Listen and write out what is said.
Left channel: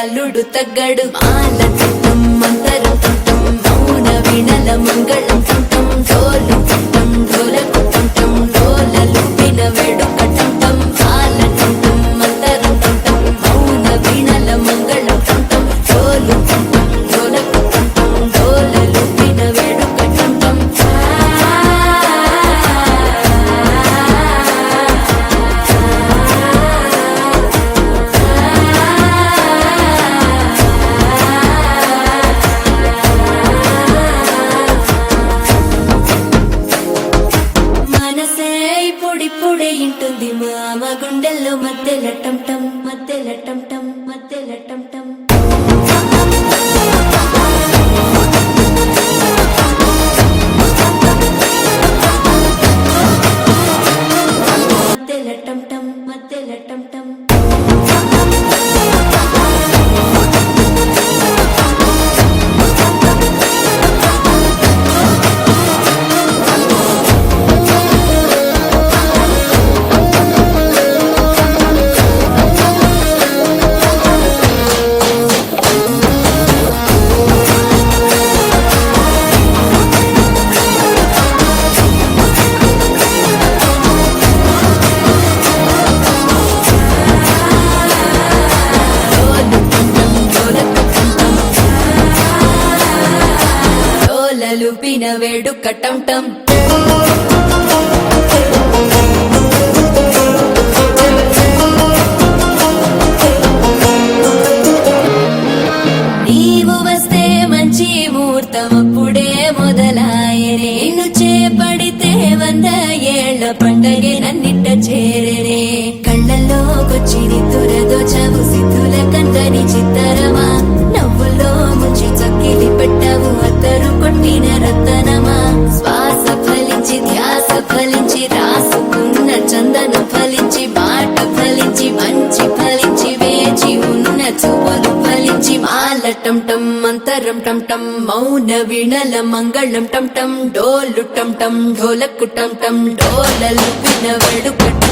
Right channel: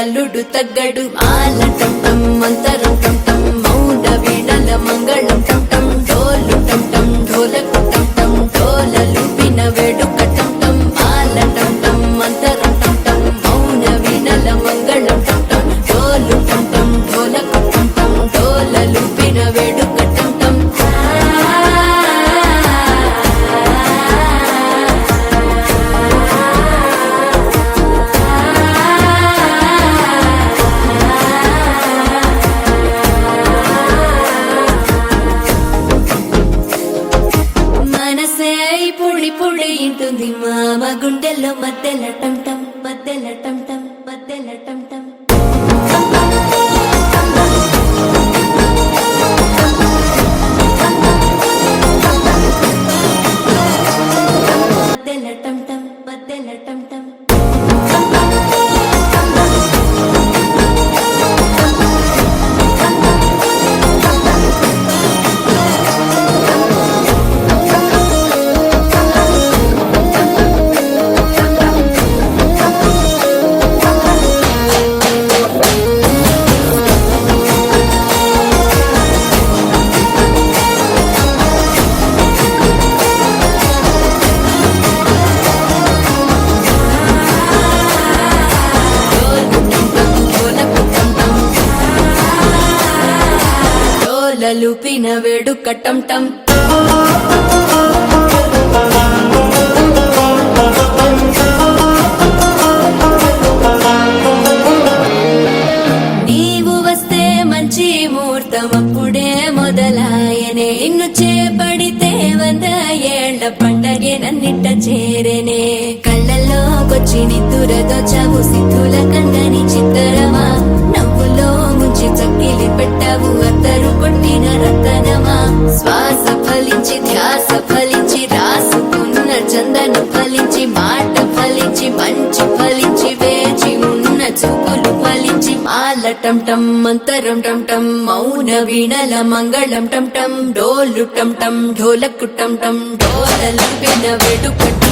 అల్లుడు తగ్గడు మాలటం మంతరు మౌన వీణల మంగళం డోలు ఢోలకు డోలలు విన వేడుకటం మాలటం మంతరు మౌన వీణల మంగళం డోలు ఢోలకు డోలలు విన వేడుకటం పొడి ఇంటుంది మామ గుండెల్లో మధ్యల టం మధ్యల టం మధ్యల టం మధ్యల టం లుపిన వేడుకటం టం నీవు వస్తే మంచి ముహూర్తం అప్పుడే మొదలాయనే నిన్ను చేపడితే 100 ఏళ్ల పండగే నన్నిట్ట చేరేనే కళ్ళల్లోకొచ్చి నిద్దురదోచావు సిద్ధుల కందని చిత్తరమా నవ్వులో ముంచి చక్కిలి పెట్టావు అత్తరు కొట్టిన రతనమా శ్వాస ఫలించి ధ్యాస ఫలించి రాసుకున్న చందన ఫలించి మాట ఫలించి మంచి ఫలించి వేచి ఉన్న చూపులు ఫలించి మాలటం మంతరం టం మౌన వీణల మంగళం టం డోలు టం ఢోలకు టం డోలలు విన వేడుకటం